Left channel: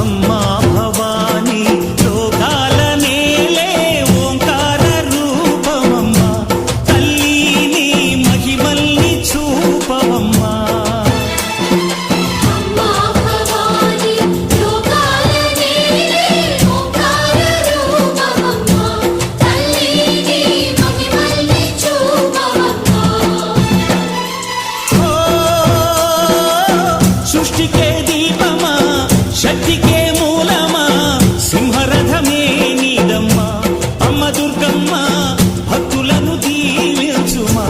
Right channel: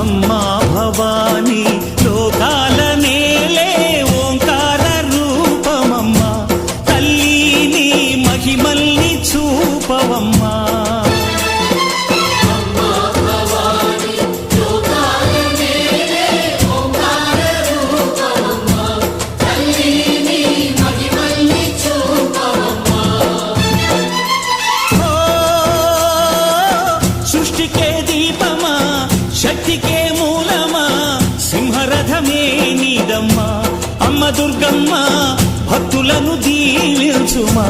అమ్మా భవానీ లోకాల నేలే ఓంకార రూపమమ్మా తల్లి మహిమల్ని చూపవమ్మా సృష్టికే దీపమా శక్తికే మూలమా సింహరథమే నీదమ్మా అమ్మ దుర్గమ్మ భక్తులను దీవించుమా